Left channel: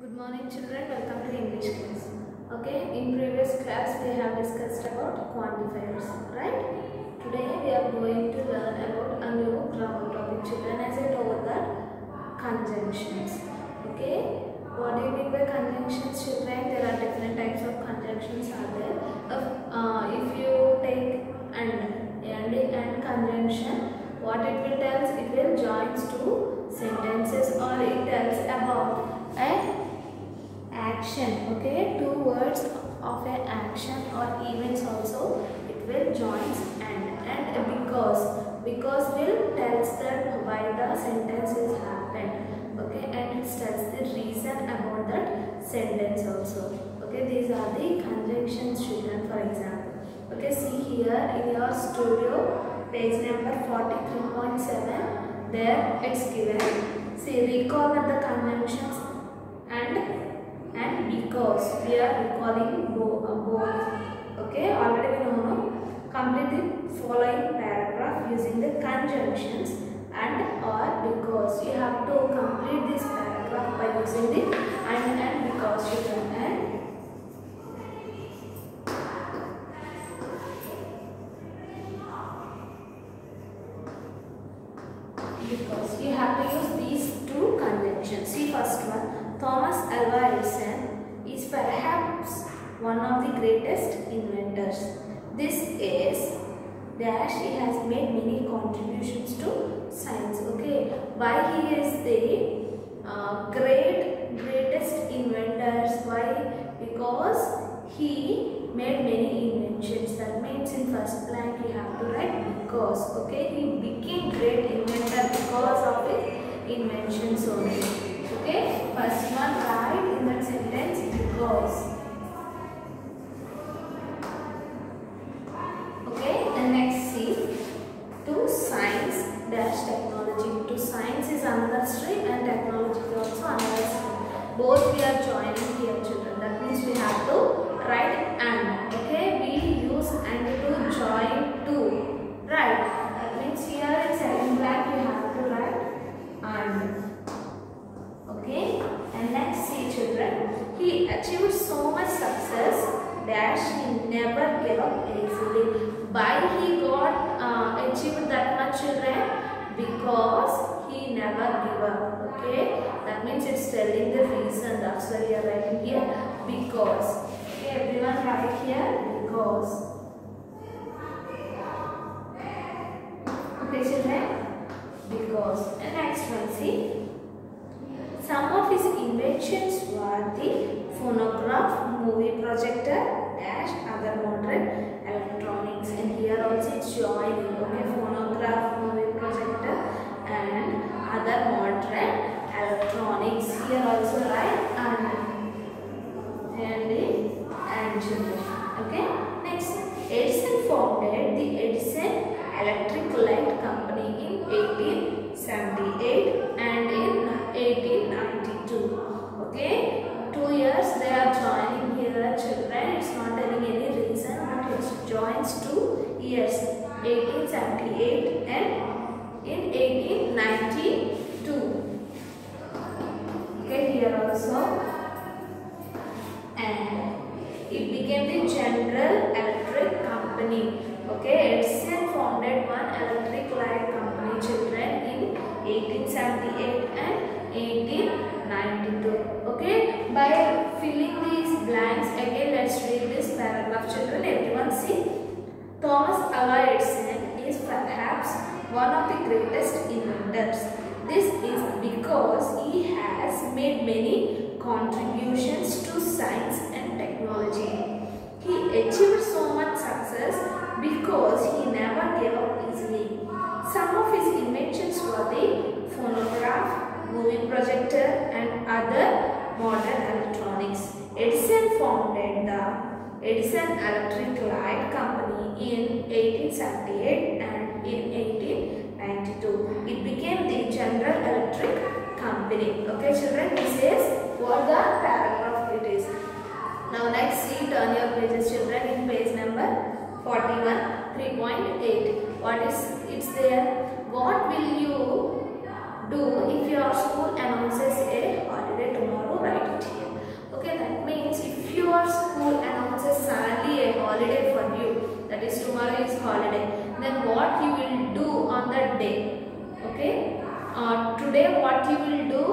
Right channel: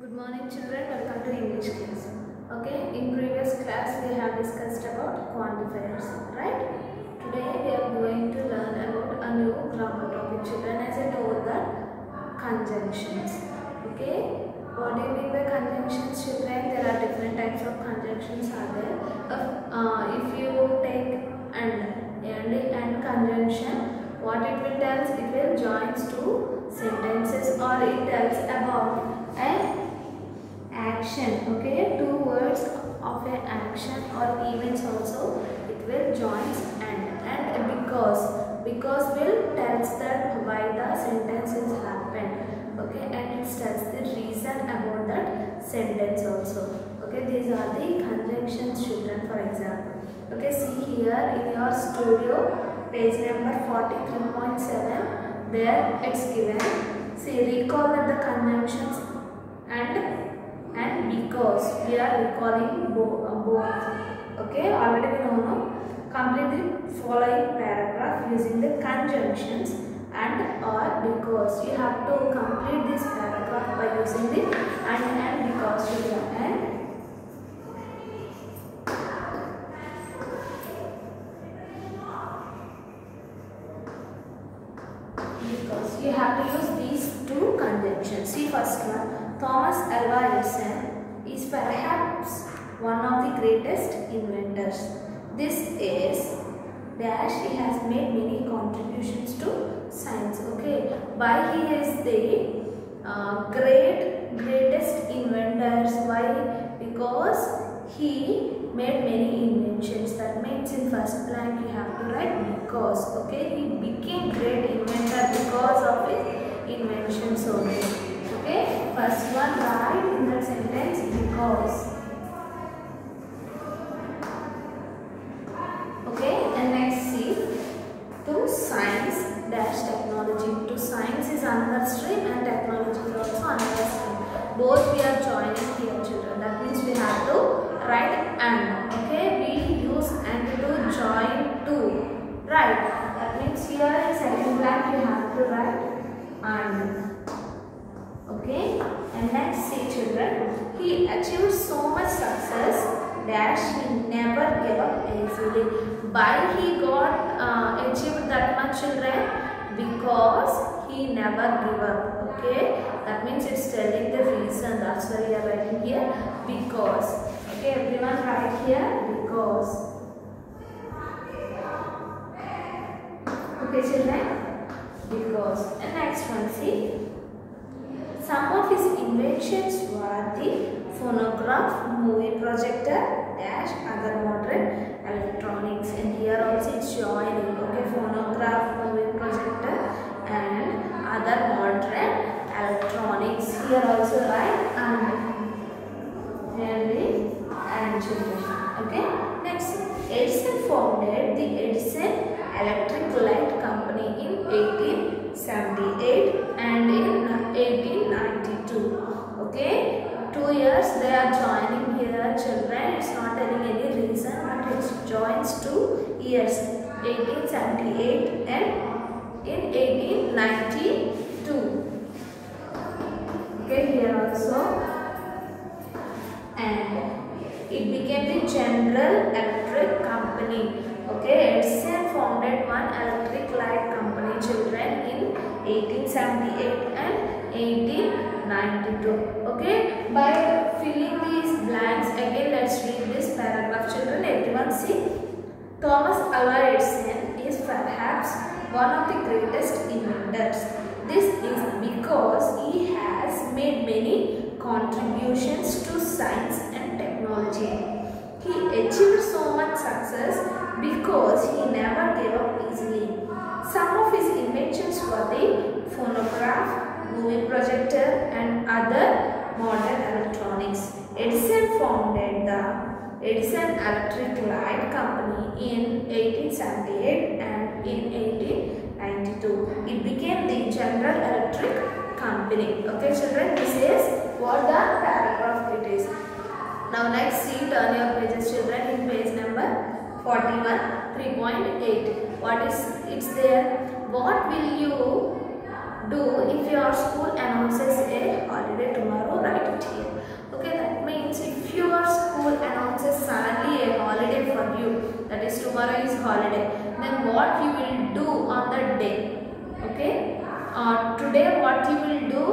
Good morning children, welcome to English class. Okay, in previous class we have discussed about quantifiers, right? Today we are going to learn about a new grammar topic children, as I told that conjunctions. Okay, what do you mean by conjunctions children? There are different types of conjunctions are there. If you take and conjunction, what it will tell? It will joins two sentences or it tells about an action. Okay, two words of an action or events also it will joins and because will tells that why the sentence is happened. Okay, and it tells the reason about that sentence also. Okay, these are the conjunctions children. For example, okay, see here in your studio page number 43.7, there it's given. See, recall that the conjunctions and because we are recalling both. Okay, already we know. No? Complete the following paragraph using the conjunctions and or because. You have to complete this paragraph by using the and because and because. You have to use these two conjunctions. See, first one, Thomas Alva Edison is perhaps one of the greatest inventors. This is dash, he has made many contributions to science. Okay, why he is the greatest inventors? Why? Because he made many inventions. That means in first blank you have to write because. Okay, he became great inventor because of his inventions only. Okay, first one write in that sentence because. Okay, and next see, to science dash technology. To science is another stream and technology is also another stream. Both we are joining here children. That means we have to write and. Okay, we use and to join two. Right. That means here in second blank you have to write and. Okay, and next see children, he achieved so much success dash he never gave up easily. Why he got achieved that much children? Because he never gave up. Okay, that means it's telling the reason. That's why we are writing here because. Okay, everyone write here because. Okay children, because. And next one see, some of his inventions were the phonograph, movie projector, dash, other modern electronics. And here also it's joining. Okay, phonograph, movie projector, and other modern electronics. Here also write and children. Okay, next, Edison founded the Edison Electric Light Company in 1878 and in 1892. Okay, 2 years they are joining here children. It's not telling any reason, but it joins 2 years, 1878 and in 1892. Okay, here also. And it became the General Electric Company. Okay, Edison founded one electric light company children in 1878 and 1892. Okay, by filling these blanks again, let's read this paragraph children. Everyone see, Thomas Alva Edison is perhaps one of the greatest inventors. This is because he has made many contributions to science and technology. He achieved so much success because he never gave up easily. Some of his inventions were the phonograph, movie projector, and other modern electronics. Edison founded the Edison Electric Light Company in 1878 and in 1892. It became the General Electric Company. Okay children, this is what the paragraph it is. Now next see, turn your pages children in page number 41, 3.8. What is it's there? What will you do if your school announces a holiday tomorrow? Write it today what you will do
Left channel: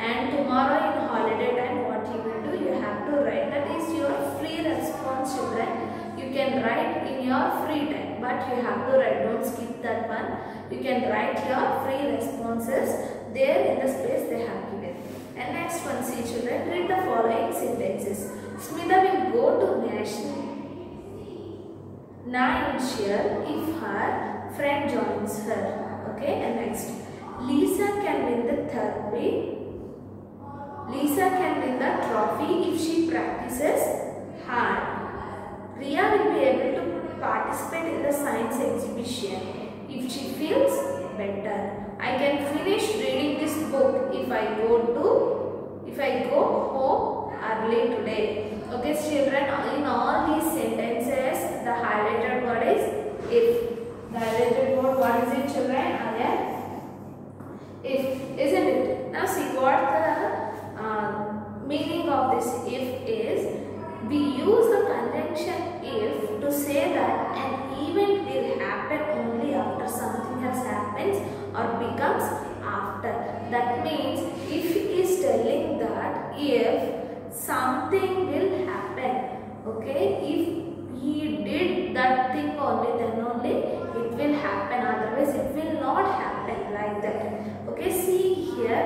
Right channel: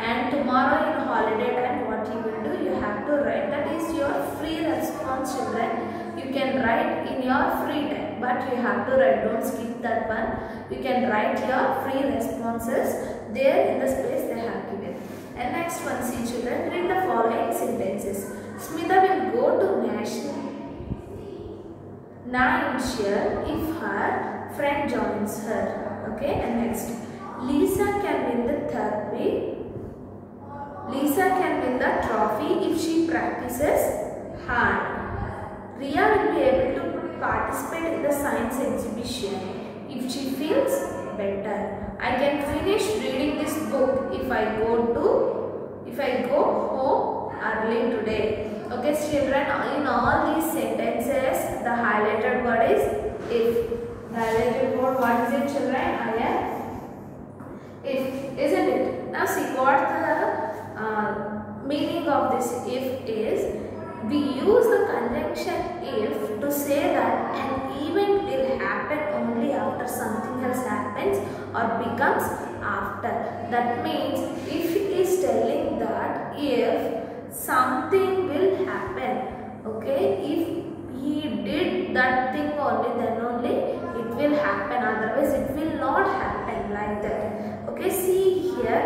and tomorrow in holiday time what you will do, you have to write. That is your free response, children. You can write in your free time, but you have to write. Don't skip that one. You can write your free responses there in the space they have given. And next one, see children, read the following sentences. Smita will go to national if her friend joins her. Okay, and next, Lisa can win the trophy. Lisa can win the trophy if she practices hard. Riya will be able to participate in the science exhibition if she feels better. I can finish reading this book if I go home early today. Okay, children, in all these sentences, the highlighted word is if. The highlighted word, what is it, children? I am if, isn't it? Now see what the meaning of this if is. We use the conjunction if to say that an event will happen only after something else happens or becomes after. That means if he is telling that if something will happen, okay, if he did that thing only, then only it will happen, otherwise it will not happen, like that. Okay, see here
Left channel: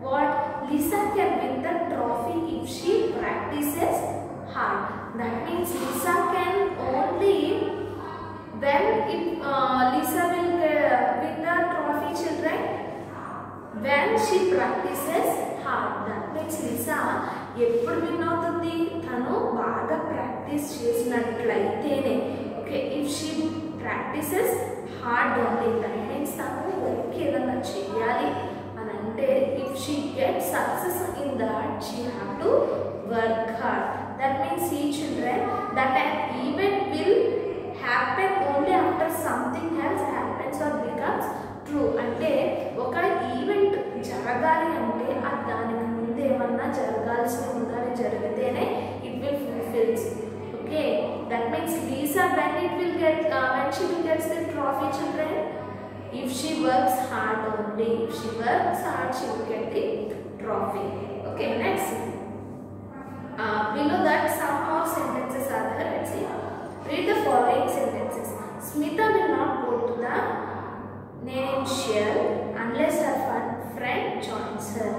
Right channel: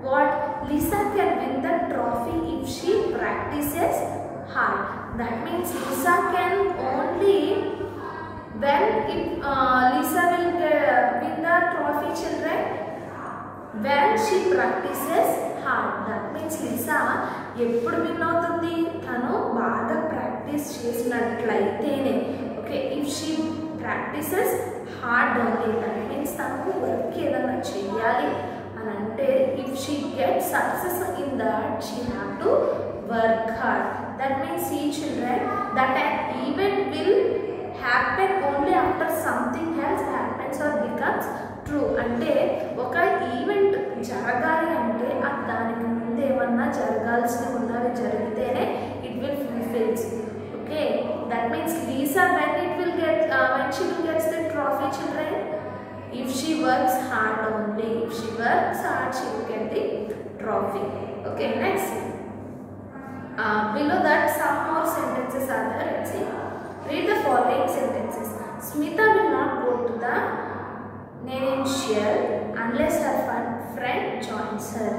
what Lisa can win the trophy if she practices hard. That means Lisa can only when Lisa will win the trophy, children, when she practices hard. That means Lisa ఎప్పుడు win అవుతుంది, తను బాగా practice చేసినట్లయితేనే. Okay, if she practises hard only, that means తను work ఏదైనా చేయాలి అని అంటే if she get success in that she have to work hard. That means, see children, that an event will happen only after something else happens or becomes true. అంటే ఒక event జరగాలి అంటే దానికి ముందు ఏమన్నా జరగాల్సి ఉన్నవి జరిగితేనే it will fulfils. Okay, that means Lisa when she will get the trophy, children, if she works hard only. If she works hard, she will get the trophy. Okay, next. Below that, some more sentences are there. Let's see. Read the following sentences. Smita will not go to the nuptial unless her friend joins her.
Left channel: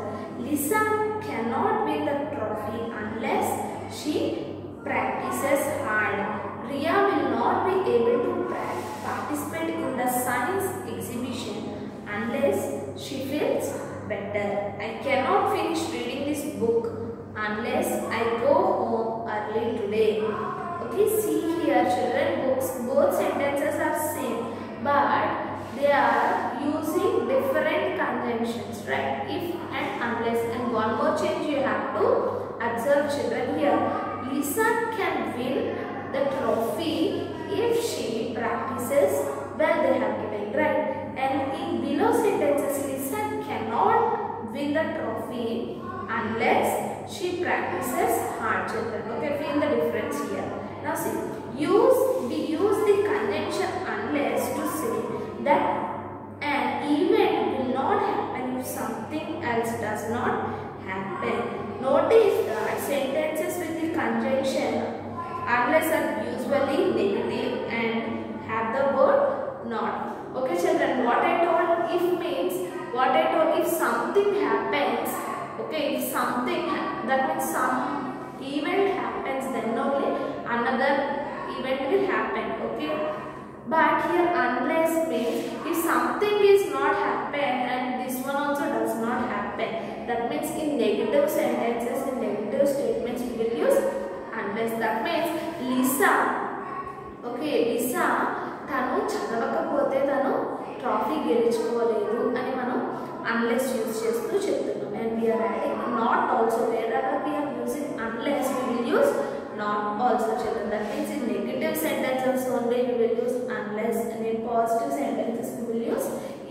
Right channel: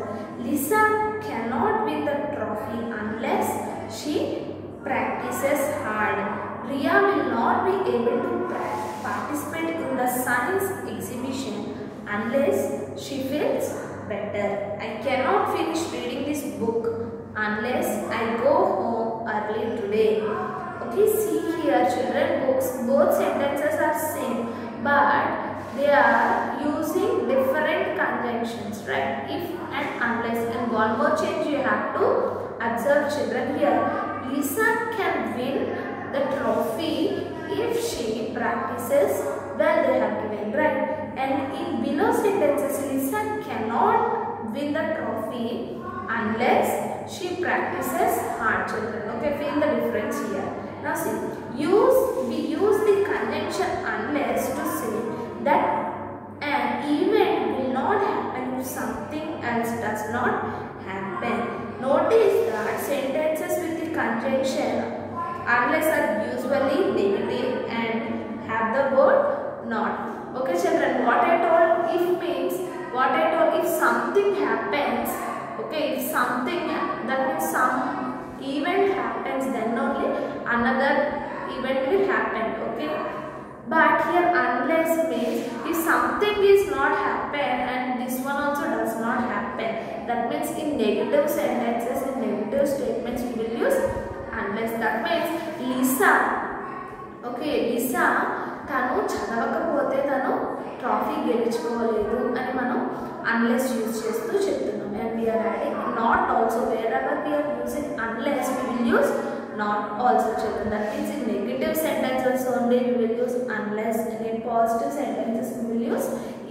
Lisa cannot win the trophy unless she practices hard. Riya will not be able to participate in the science exhibition unless she feels better. I cannot finish reading this book unless I go home early today. Okay, see here children, both sentences are same, but they are using different conjunctions, right? If and unless. And one more change you have to observe, children, here. Lisa can win the trophy if she practices well, they have given, right? And in below sentences, Lisa cannot win the trophy unless she practices hard, children. Okay, feel the difference here. Now see, we use the conjunction unless to say that an event will not happen if something else does not happen. Notice that sentences with the conjunction unless are usually negative and have the word not. Okay children, what I told if means, what I told if something happens. Okay, if something, that means some event happens, then only another event will happen. Okay, but here unless means if something is not happen and this one also does not happen. That means in negative sentences, in negative statements, we will use unless. That means Lisa, okay, Lisa తను చదవకపోతే తను trophy గెలుచుకోలేదు అని మనం unless use చేస్తూ చెప్తున్నాం. And we are adding not also. Wherever we are using unless, we will use not also, children. That means in negative sentences only we will use unless, and in positive sentences we will use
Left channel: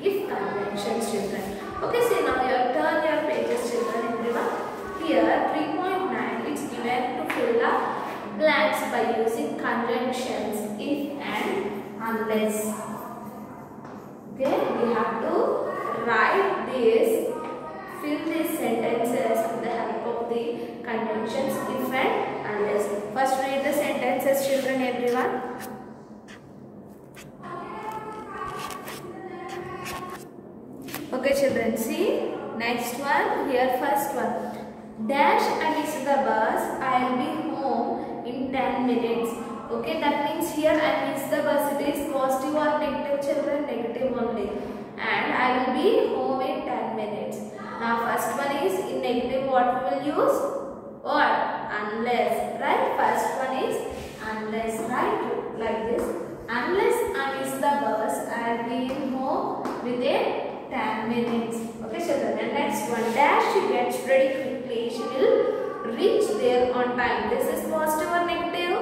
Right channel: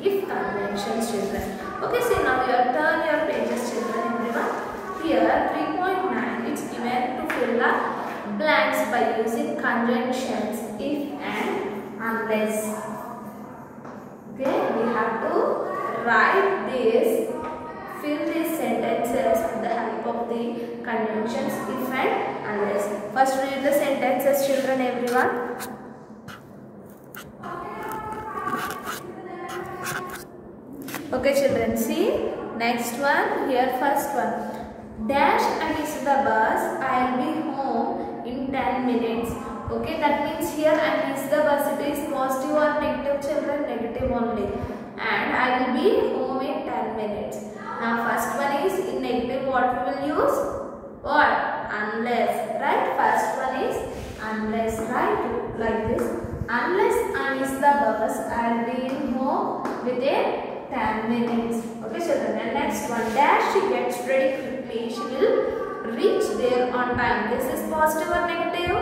if conjunctions, children. Okay, so now you have turned your pages, children, everyone. Here 3.9, it's given to fill the blanks by using conjunctions if and unless. Okay, we have to write this, fill these sentences with the help of the conjunctions if and unless. First read the sentences, children, everyone. Okay children, see next one, here first one. Dash I miss the bus, I will be home in 10 minutes. Okay, that means here I miss the bus, it is positive or negative children? Negative only. And I will be home in 10 minutes. Now first one is in negative, what we will use? What? Unless, right? First one is unless, right? Like this. Unless I miss the bus, I will be in home within 10 minutes. Okay children, and next one. Dash she gets ready quickly, she will reach there on time. This is positive or negative?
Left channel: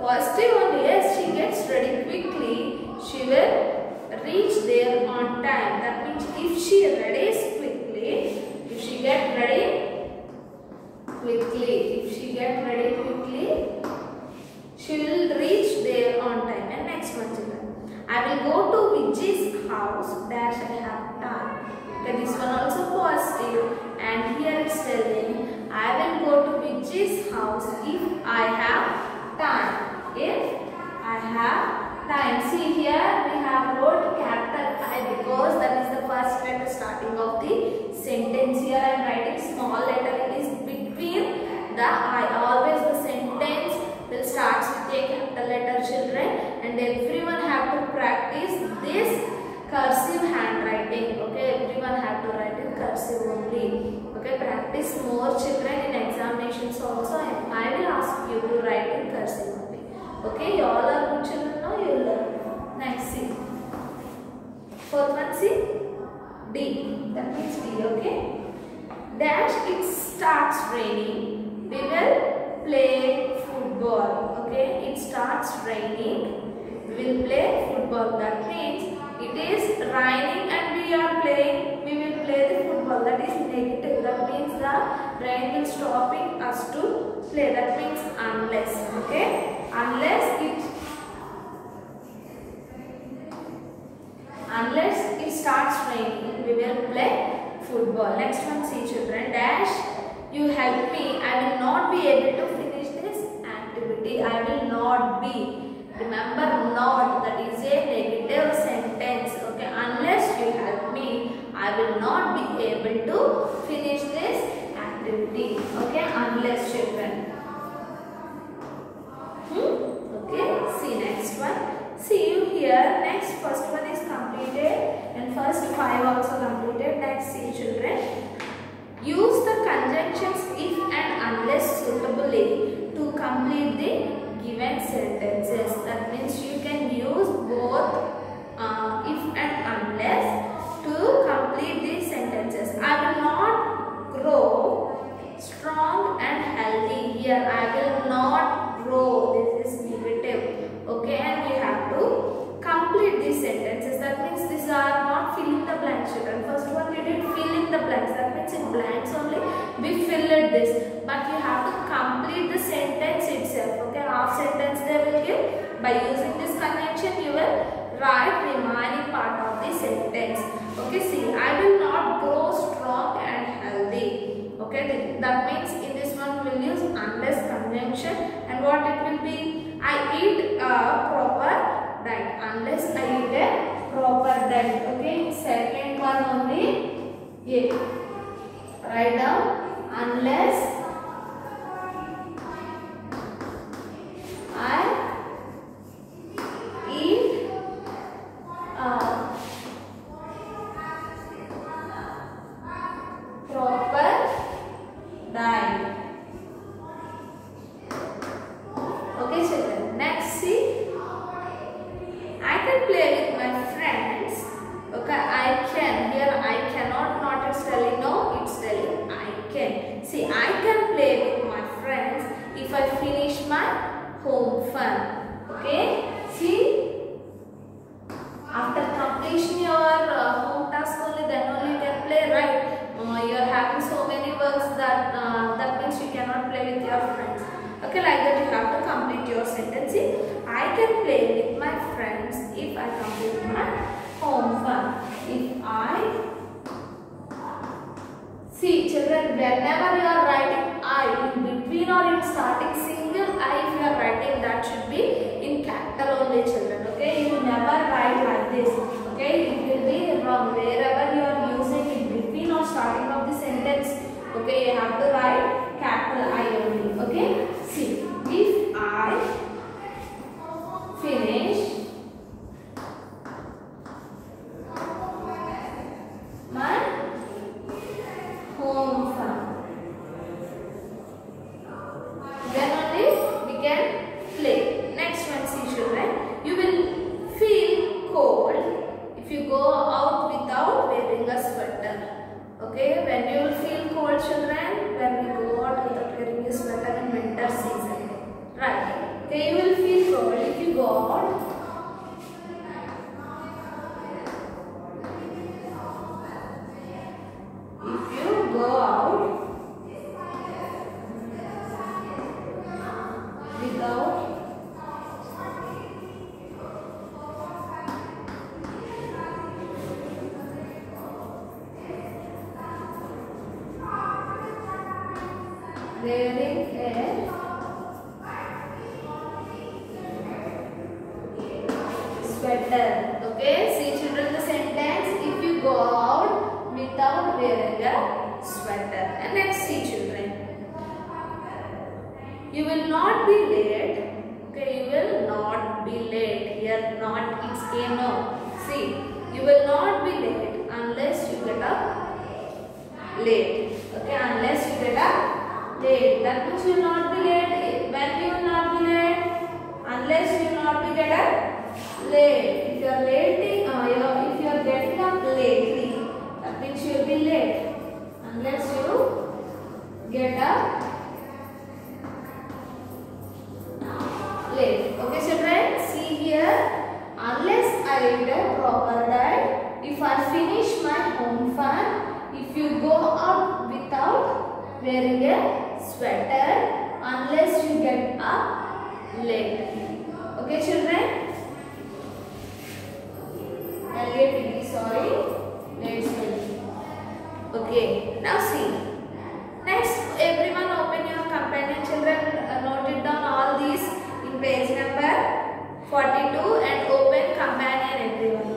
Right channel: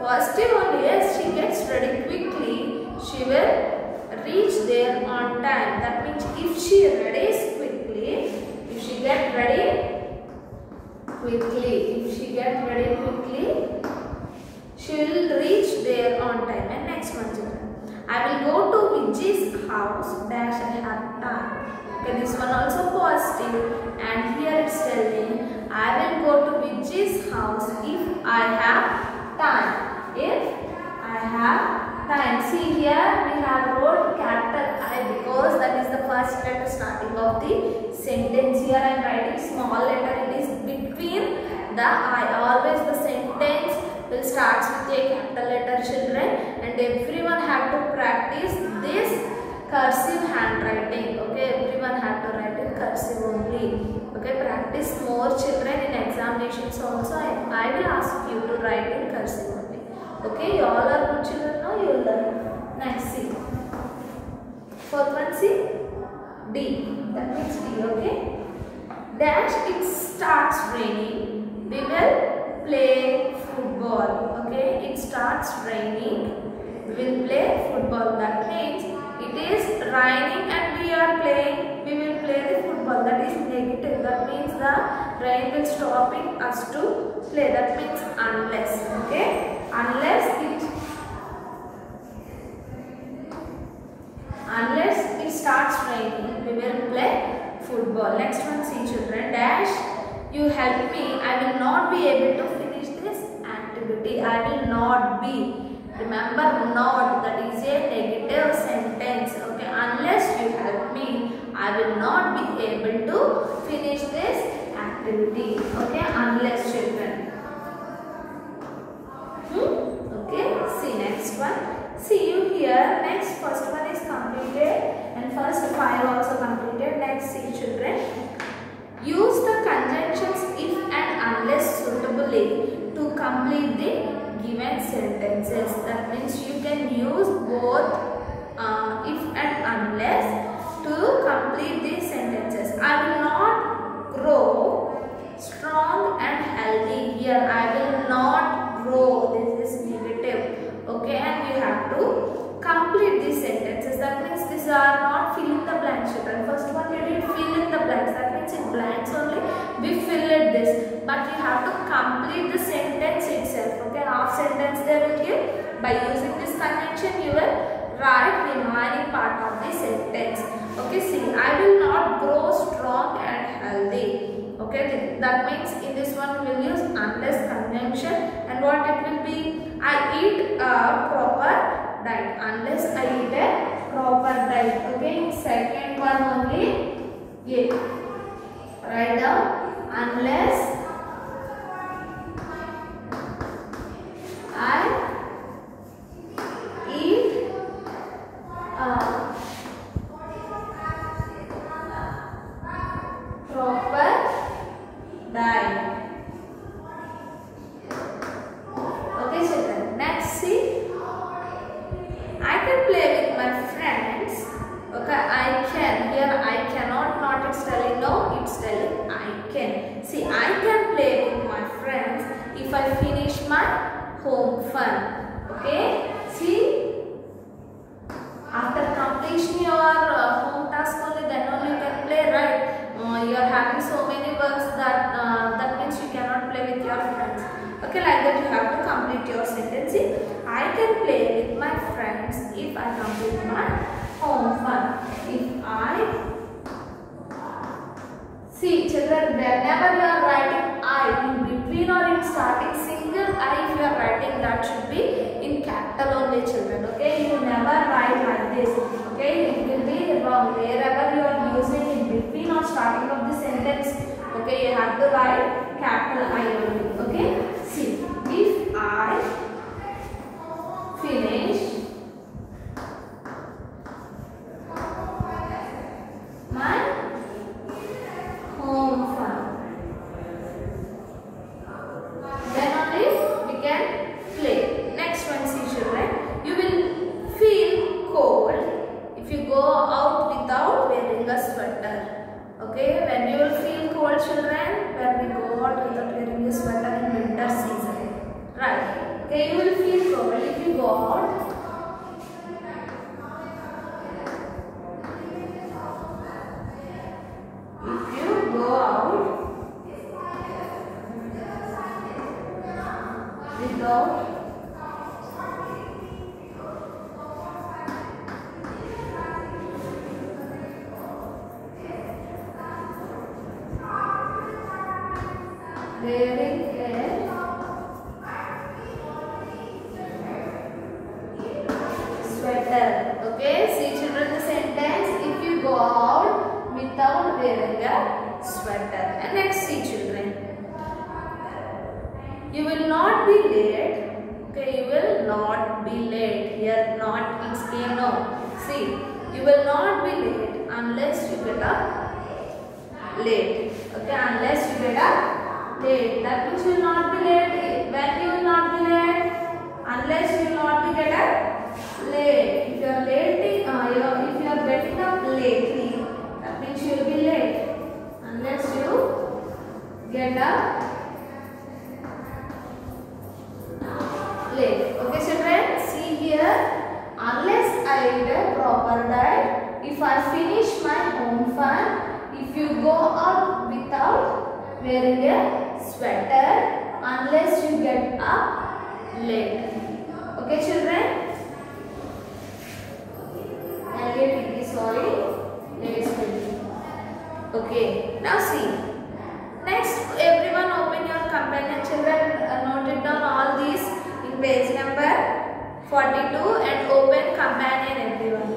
Positive only. Yes, she gets ready quickly, she will reach there on time. That means if she readies quickly, if she get ready quickly, she will reach there on time. And next one children. I will go to Vijay's house, dash I have time. Okay, this one also positive, and here it's telling I will go to Vijay's house if I have time. If I have time. See here we have wrote capital I because that is the first letter starting of the sentence. Here I am writing small letter, it is between the I. Always the sentence will start with a capital letter children, and everyone have to practice this cursive handwriting. Okay, everyone have to write in cursive only. Okay, practice more children in examinations also. I will ask you to write in cursive only. Okay, you all are good children now, you will learn. Next see. Fourth one see. D. That means D, okay. Dash it starts raining, we will play football. Okay, it starts raining, we will play football. That means it is raining and we are playing, we will play the football. That is negative. That means the rain will stopping us to play. That means unless. Okay, unless it starts raining, we will play football. Next one see children. Dash you help me, I will not be able to finish this activity. I will not be. Remember, not, that is a negative sentence. Okay, unless you help me, I will not be able to finish this activity. Okay, unless children. Okay, see next one. See you here. Next, first one is completed and first 5 also completed. Next, see children. Use the conjunctions if and unless suitably to complete the given sentences. That means you can use both if and unless to complete these sentences. I will not grow strong and healthy. Here I will not grow. This is negative. Okay, and we have to complete these sentences. That means these are not filling the blanks children. First one we did fill in the blanks. That means in blanks only we filled this. But we have to complete the sentence itself. Okay, half sentence they will give. By using this conjunction you will write remaining part of the sentence. Okay, see, I will not grow strong and healthy. Okay, that means in this one we will use unless conjunction, and what it will be? I eat a proper diet. Unless I eat a proper diet. Okay, second one only. Yeah. Write down unless I eat a proper diet. Okay children, next see. I can play with my friends. Okay, I can. Here I cannot, not it's telling no, it's telling I can. See, I can play with my friends if I finish my home fun. Okay, see, after completion your home task only, then only you can play, right? You are having so many works that that means you cannot play with your friends. Okay, like that you have to complete your sentence. See, I can play with my friends if I complete my home fun. If I See children, whenever you are writing I in between or in starting single I, if you are writing, that should be in capital only children. Okay, you never write like this. Okay, it will be wrong. Wherever you are using in between or starting of the sentence, okay, you have to write capital I only. Okay, see, if I finish my home fun, then only we can play. Next one, see children, you will feel cold if you go out without wearing a sweater. Okay, when you will feel cold children, when we go out without wearing a sweater in winter season, right? Okay, you will feel cold if you go out without wearing a sweater. Okay, see children the sentence, if you go out without wearing a sweater. And next, see children, you will not be late. Okay, you will not be late. Here not it's came now. See, you will not be late unless you get up late. Okay, unless you get up late. That means you will not be late. When you will not be late? Unless you will not be get up late. If you are late, if you are getting up lately, that means you will be late. Unless you get up late. Okay children, see here, unless I eat a proper diet, if I finish my home fun, if you go out without wearing a sweater, unless you get up late. Okay children, late, sorry, late study. Okay, now see, next everyone open your companion children, note it down all these in page number 42 and open companion everyone.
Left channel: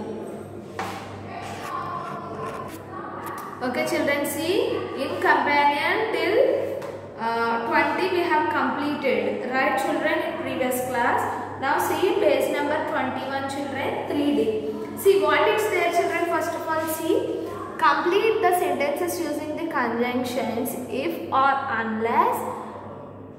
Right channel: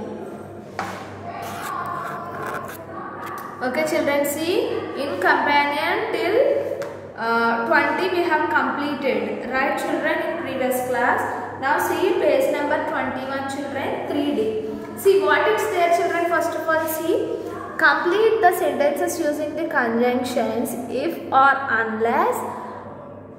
Okay children, see, in companion till 20 we have completed, right children, in previous class. Now see page number 21 children, 3D. See what is there children, first of all see, complete the sentences using the conjunctions if or unless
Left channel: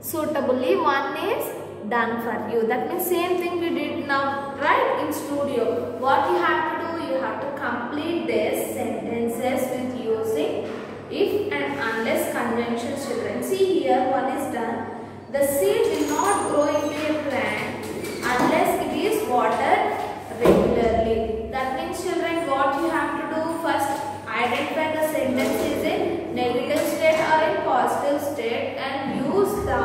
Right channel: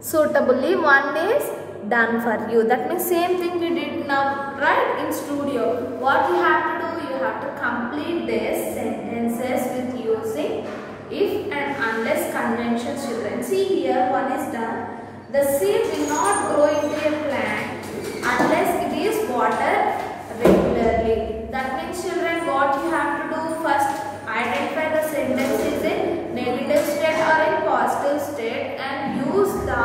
suitably one is done for you. That means same thing we did now, right, in studio. What you have to do, you have to complete these sentences with using if and unless conjunctions children. See here one is done. The seed will not grow into a plant unless it is watered regularly. That means children what you have to do, first identify the sentence is in negative state or in positive state and use the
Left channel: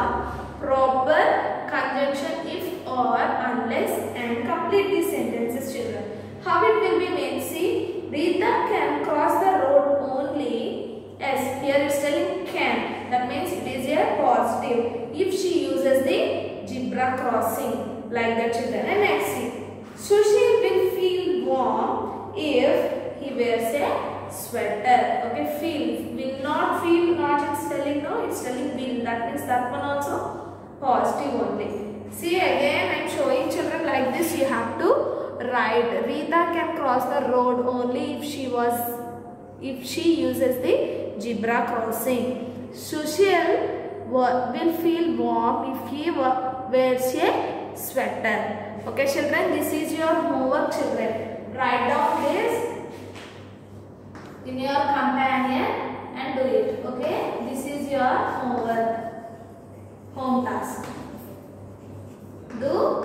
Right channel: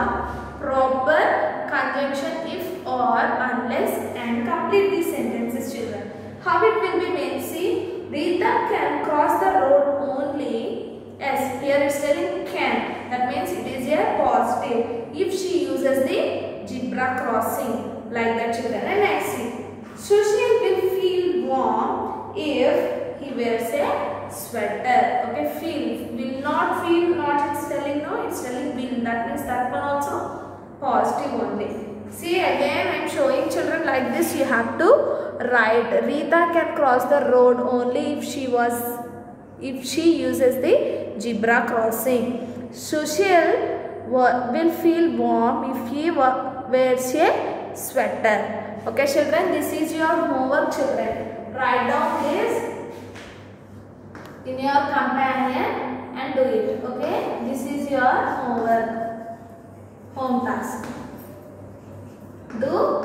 proper conjunction if or unless and complete these sentences children. How it will be made, see, Rita can cross the road only. Yes, here it is telling can, that means it is a positive if she uses the zebra crossing, like that children. And next see, Sushil will feel warm if he wears a sweater. Okay, feel, will not feel, not it's telling no, it's telling will, that means that one also positive only. See again I am showing children like this, you have to write Rita can cross the road only if she uses the zebra crossing. Sushil will feel warm if he wears a sweater. Okay children, this is your homework children. Write down this in your companion and do it. Okay, this is your homework, home task. Do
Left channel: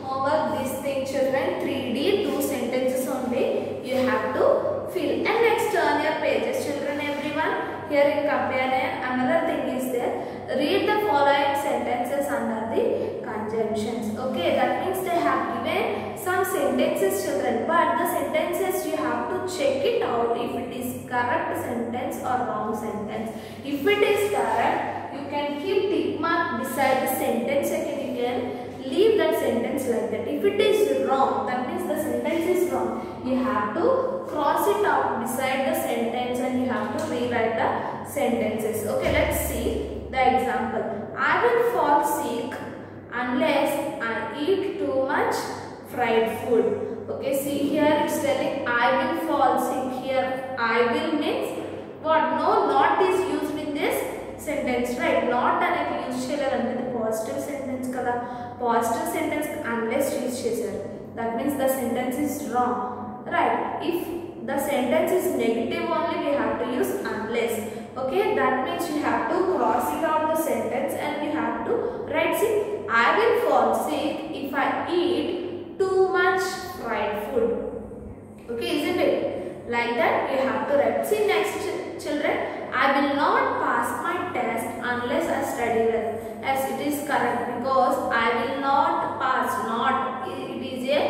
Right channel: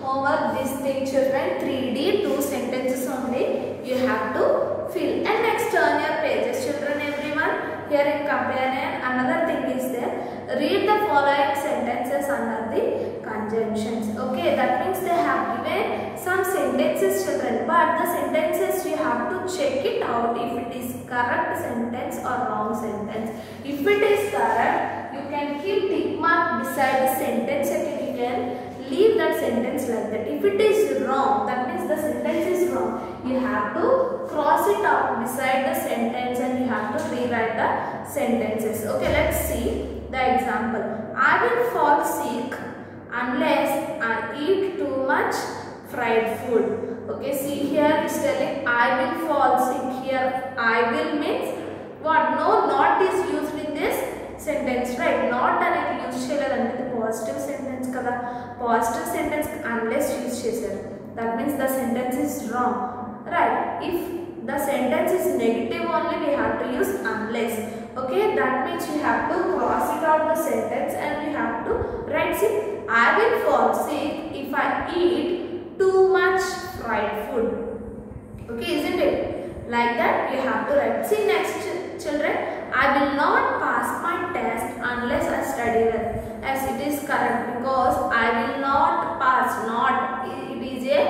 homework this thing children, 3D, 2 sentences only you have to fill. And next turn your pages children everyone. Here in companion another thing is there, read the following sentences under the conjunctions. Okay, that means they have given some sentences children, but the sentences you have to check it out if it is correct sentence or wrong sentence. If it is correct, you can keep tick mark beside the sentence and you can leave that sentence like that. If it is wrong, that means the sentence is wrong, you have to cross it out beside the sentence and you have to rewrite the sentences. Okay, let's see the example. I will fall sick unless I eat too much fried food. Okay, see here it's telling I will fall sick. Here I will means what? No not is used in this sentence, right? Not అనేది use చేయాలంటే ఇది positive sentence కదా, positive sentence unless use చేశారు. That means the sentence is wrong, right? If the sentence is negative only, we have to use unless. Okay, that means you have to cross it out the sentence and you have to write, see, I will fall sick if I eat too much fried food. Okay, isn't it? Like that you have to write. See next children, I will not pass my test unless I study well. As it is correct because I will not pass, not, it is a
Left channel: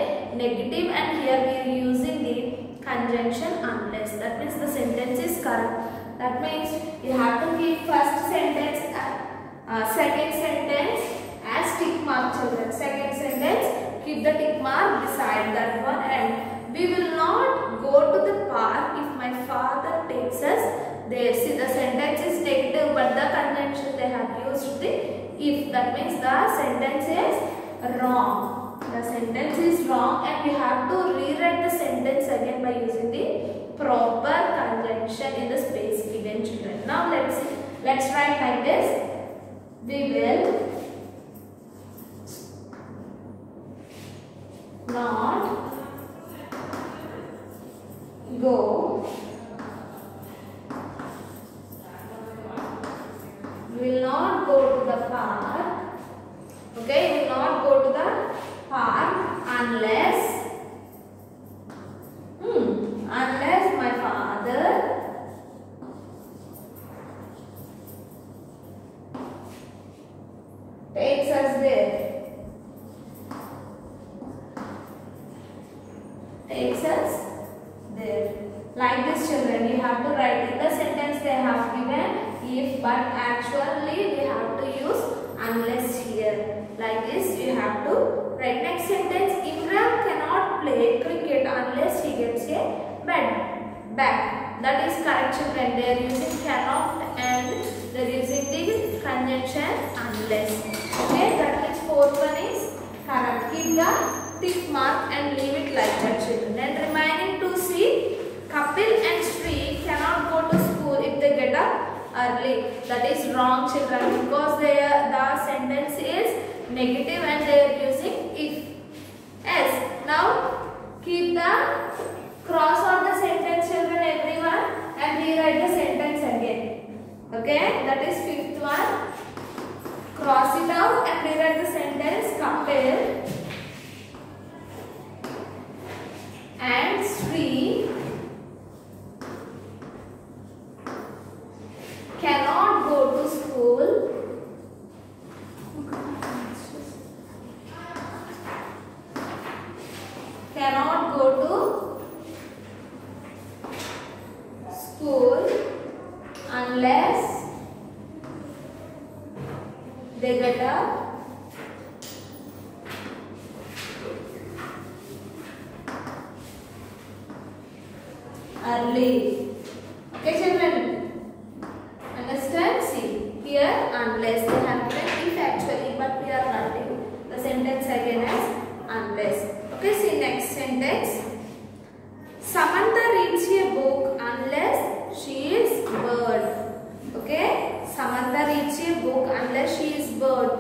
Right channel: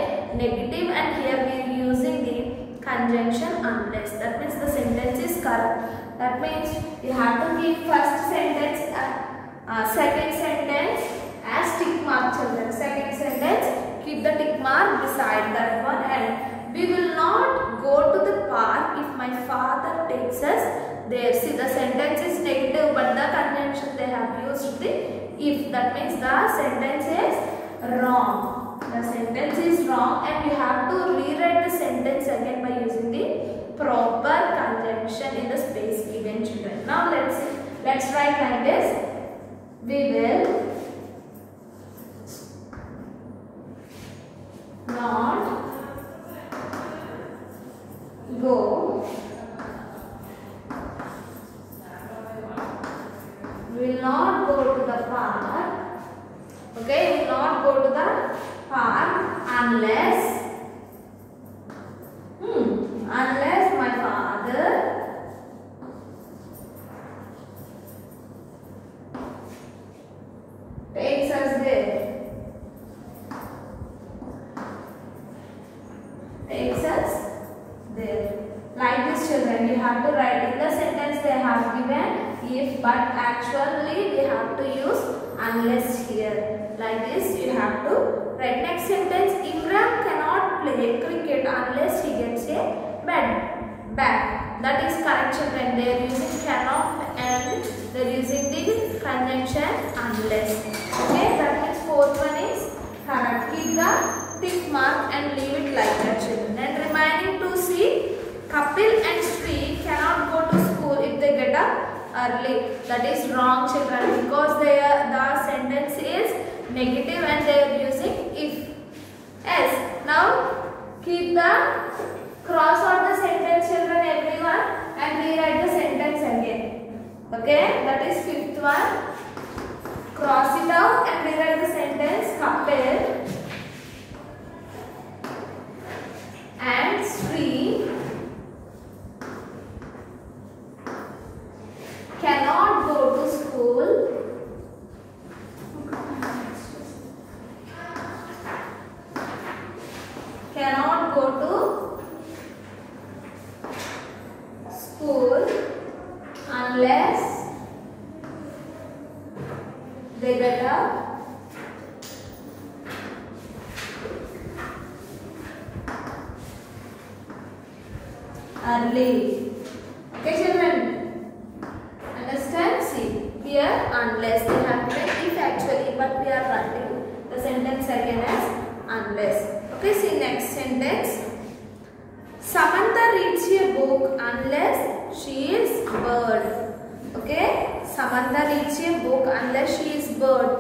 negative and here we are using the conjunction unless. That means the sentence is correct. That means you have to keep first sentence and second sentence as tick mark children. Second sentence, keep the tick mark beside that one. And we will not go to the park if my father takes us there. See, the sentence is negative but the conjunction they have used the if. That means the sentence is wrong. The sentence is wrong and you have to rewrite the sentence again by using the proper conjunction in the space given children. Now let's write like this. We will not go will not go to the park. Okay, will not go to the park unless unless my father takes us there. Takes us there. Like this children, you have to write in the sentence they have given if, but actually we have to use unless here. Like this you have to write. Next sentence, Imran cannot play cricket unless he gets a bat. That is correct children. They are using cannot and they are using the conjunction unless. Okay, that means fourth one is correct. Keep the tick mark and leave it like that children. And remaining to see, Kapil and Sri cannot go to school if they get up early. That is wrong children because the sentence is negative and they are using if. Yes. Now keep the cross out the sentence children everyone and rewrite the sentence again. Okay, that is fifth one. Cross it out and rewrite the sentence. Kapil and Sri cannot go to school unless they get up early. Okay children, understand? See here unless they have written if actually, but we are writing the sentence again as unless. Okay, see next sentence. Samantha reads a book unless she is bored. Okay, Samantha reads a book unless she is bored.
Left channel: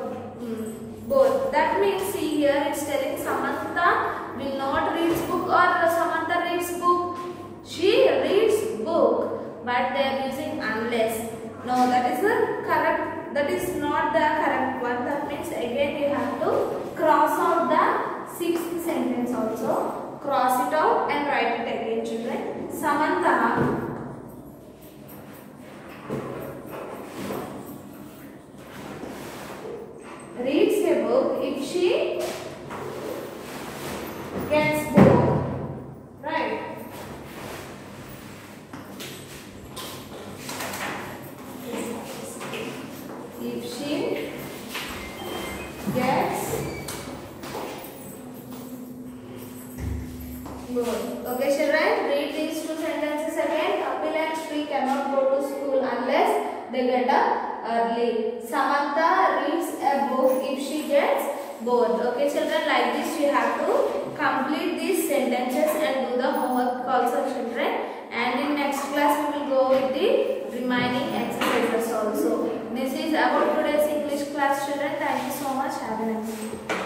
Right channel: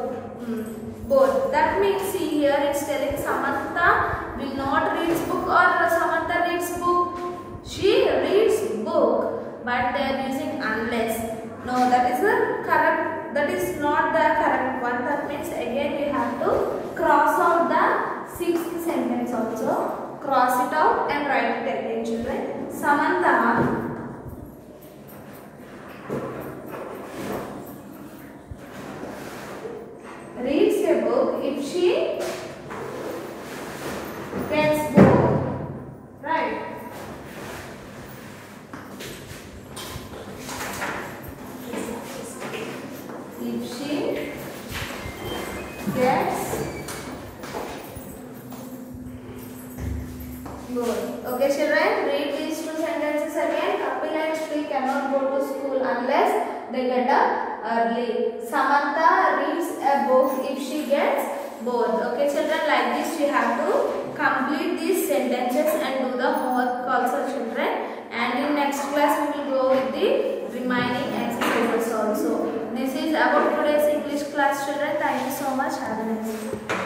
That means see here it's telling Samantha will not read book or Samantha reads book. She reads book, but they are using unless. No, that is the correct. That is not the correct one. That means again you have to cross out the sixth sentence also. Cross it out and write it again children. Samantha reads a book if she gets bored. Okay children, read these two sentences again. Kapil and Shri cannot go to school unless they get up early. Samantha reads a book if she gets bored. Okay children, like this you have to complete these sentences and do the homework also children. And in next class we will go with the remaining exercises also. This is about today's English class children. Thank you so much. Have a nice day.